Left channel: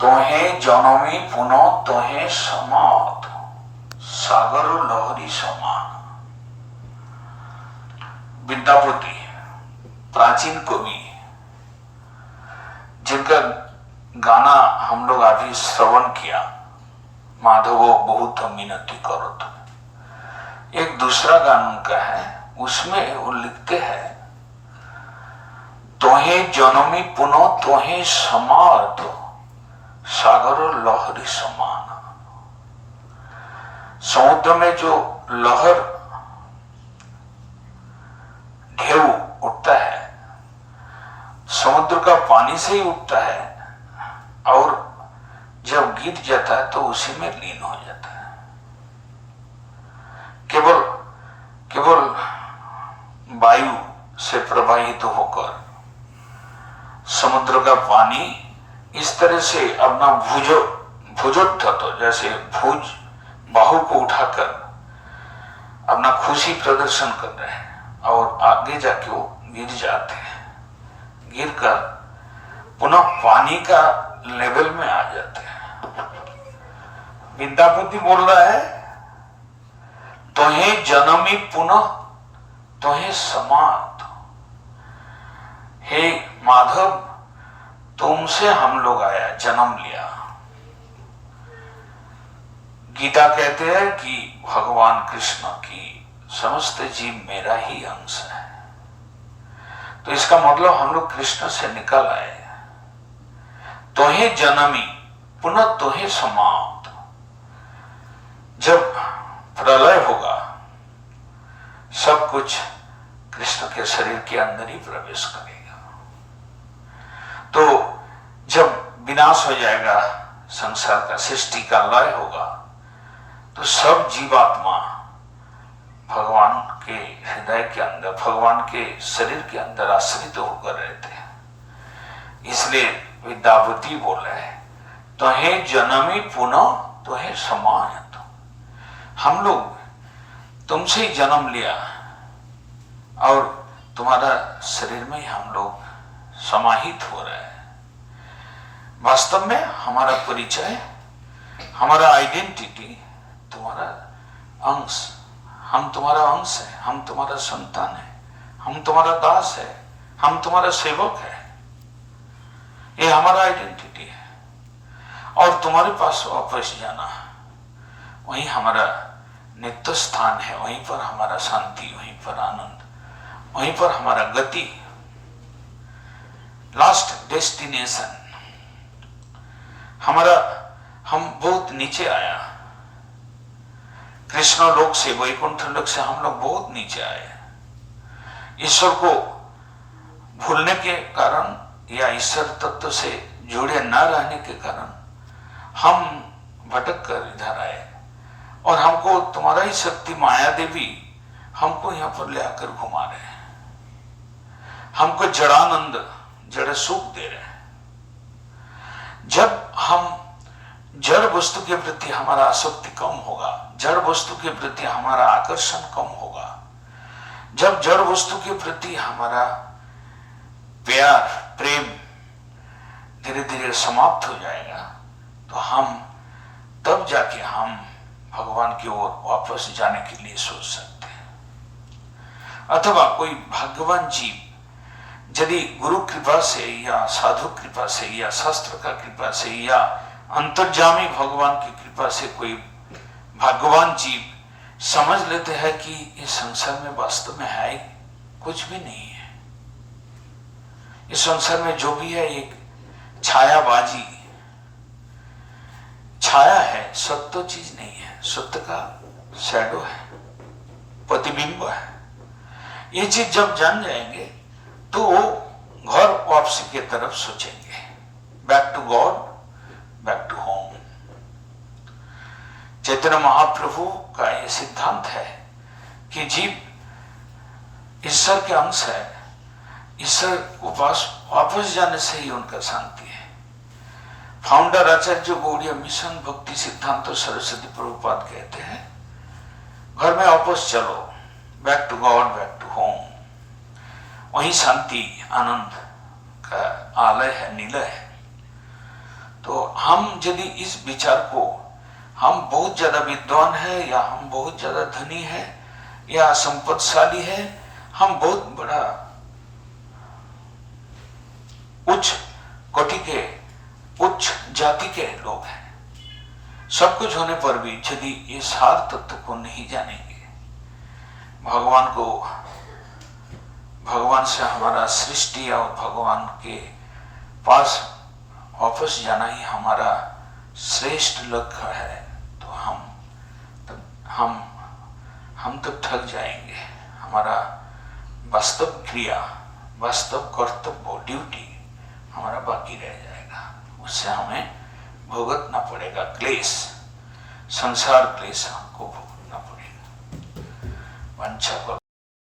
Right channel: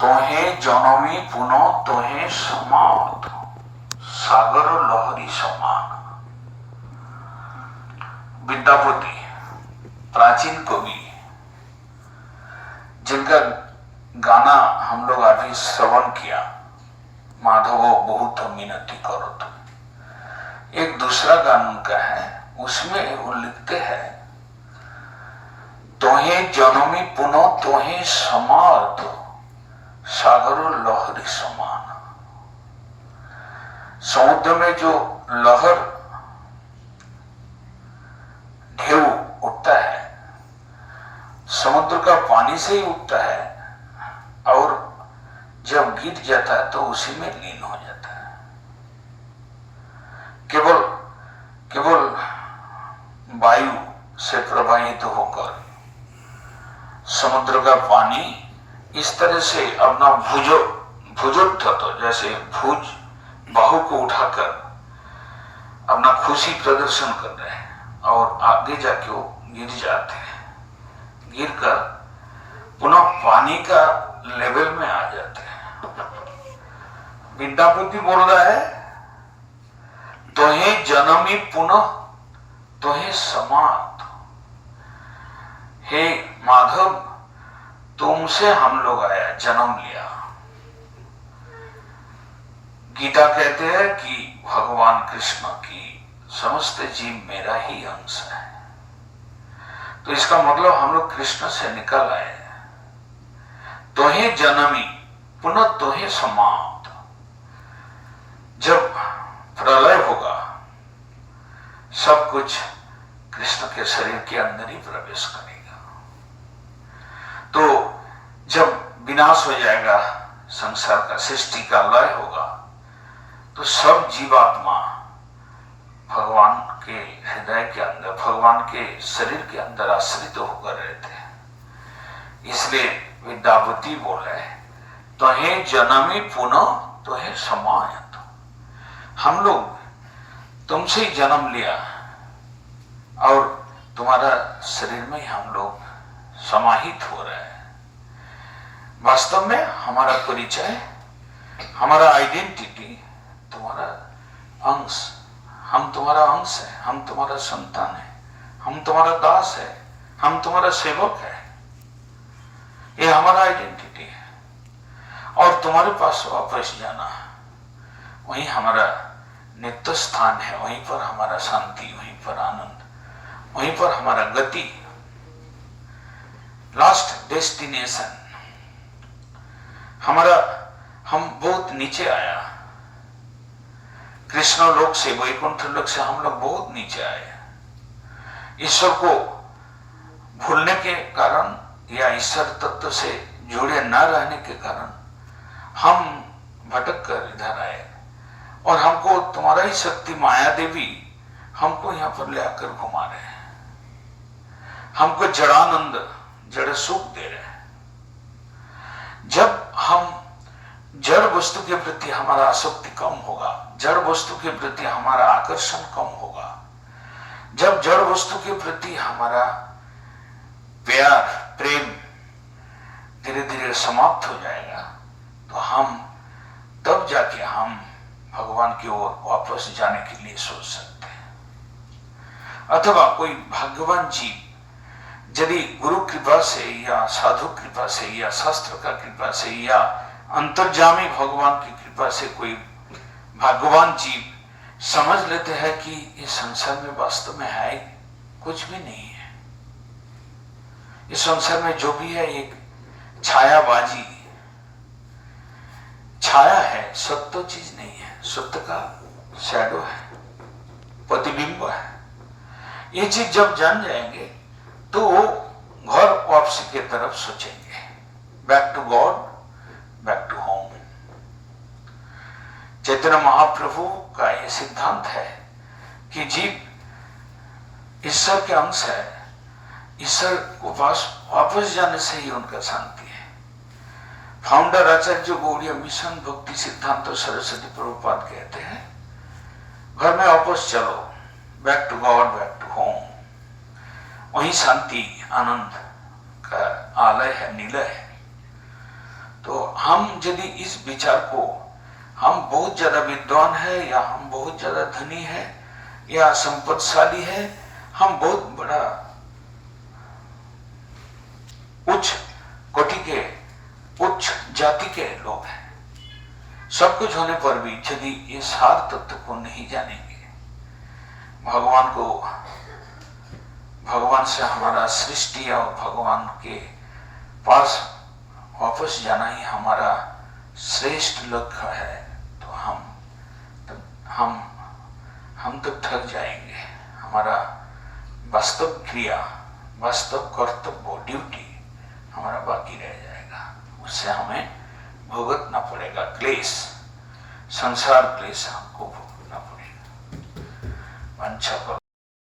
तोहे जनमी पुनः तोहे समात सागर लहरी समान। विद्यापति प्राचीन कवि जिनका गाना हम लोग अभी श्रवण किया, माधवो बहुत मिनती करो तुम, एक दूसरा गाना उनका है, उसमें वो लिखते हैं तोहे जनमी पुनः तोहे समार्थ सागर लहरी समान। समुद्र में जो लहर ढेउ उठता है, समुद्र का पानी से ही उठता है और जब गिर जाता है तो उसी में लीन हो जाता है। केवल केवल वायु से प्रवाहित होकर समुद्र का पानी इस तरह से अपना भुजोत्थत, जैसे भुज बाहु को उठाकर अपना खुशी प्रदर्शन कर रहे हैं और आगे जाके वो गिर जाते हैं, गिरकर पुनः पानी का लेवल में आ जाते हैं। विद्यापति बोल रहा है तोहे जनमी पुनः तोहे समात। हे माधव, तुमसे हम लोग आया, जन्म लिया। गीता कहते हैं कि भगवान कृष्ण की समस्त जीव मेरा ही अंश है, तो इसका मतलब हम लोग कृष्ण से निकल आए। तोहे जनमी पुनः तोहे समाप्त। जब प्रलय होगा सब कुछ कृष्ण के शरीर के अंदर ही प्रवेश करेगा। तो जब विनाश हो जाएगा संसार का, सृष्टि का लय होगा, तो सब जीवात्मा भगवान के हृदय के अंदर, भगवान के शरीर के अंदर आश्रित होकर रहते हैं। इसलिए विद्यापति बोले तोहे जनमी पुनः तोहे समायत। हम लोग तुमसे ही जन्म लिया और तुम्हारा शरीर में ही हम लोग समाहित हो रहे हैं। वास्तव में हमारा परिचय, हमारा आइडेंटिटी तुम्हारा अंश, हम तुम्हारा अंश है, हम तुम्हारा संतान है, हम तुम्हारा दास है, हम तुम्हारा सेवक है, ये हमारा आइडेंटिटी है। और तुम्हारे पास वापस जाना वही हमारा नित्य स्थान है, वहीं पर हमारा शांति, वहीं पर आनंद, वहीं पर हमारा गति, लास्ट डेस्टिनेशन हमारा। हम बहुत नीचे आया, कृष्ण लोक से, वैकुंठ लोक से हम लोग बहुत नीचे आए। ईश्वर को भूलने के कारण या ईश्वर तत्व से जुड़े न रहने के कारण हम भटक कर इधर आए, और हमको तुम्हारा ही शक्ति माया देवी हमको यहाँ पर ले आकर घुमा रहे हैं, हमको जड़ानंद, जड़ सुख दे रहे हैं। जब हम जड़ वस्तु के प्रति हमारा आसक्ति कम होगा, जड़ वस्तु के प्रति हमारा आकर्षण कम होगा, जब जड़ वस्तु के प्रति हमारा प्यार, प्रेम धीरे धीरे समाप्त हो जाएगा, तो हम तब जाके हम भगवान की ओर वापस जाने के लिए सोच सकते हैं। अथवा कोई भाग्यवान जीव यदि गुरु कृपा से या साधु कृपा से या शास्त्र का कृपा से या अंतर्जामी भगवान की कृपा से कोई भाग्यवान जीव समझ लेते हैं कि इस संसार में वास्तव में है कुछ भी नहीं है, इस संसार में जो भी है एक छायाबाजी, छाया है, सत्य चीज नहीं है, सत्य का शैडो है, प्रतिबिंब है। ये चीज जब जान जाएंगे तो वो घर वापसी की तरफ सोचेंगे, back to God, back to home. Chaitanya Mahaprabhu का ये सिद्धांत है कि जीव ईश्वर के अंश है, ईश्वर के पास वापस जाने से ही उनका शांति है। फाउंडर आचार्य गौड़ीय मिशन भक्ति सिद्धांत सरस्वती प्रभुपाद कहते हैं घर में वापस चलो, back to God, back to home, वही शांति आनंद का आलय है, निलय है। तो हम यदि इस विचार को, हम बहुत ज्यादा विद्वान है या हम बहुत ज्यादा धनी है या संपत्तिशाली है, हम बहुत बड़ा उच्च कोटि के, उच्च जाति के लोग हैं, सब कुछ होने पर भी यदि ये सार तत्व को नहीं जानेंगे, भगवान को, भगवान से हमारा सृष्टि और भगवान के पास वापस जाना ही हमारा श्रेष्ठ लक्ष्य है, तो हम तब थक जाएंगे। हमारा वास्तव क्रिया, वास्तव कर्तव्य, ड्यूटी हमारा बाकी रह जाएगा। उससे हमें भुगतना पड़ेगा क्लेश, संसार क्लेश हमको भुगतना पड़ेगा। वंचा करो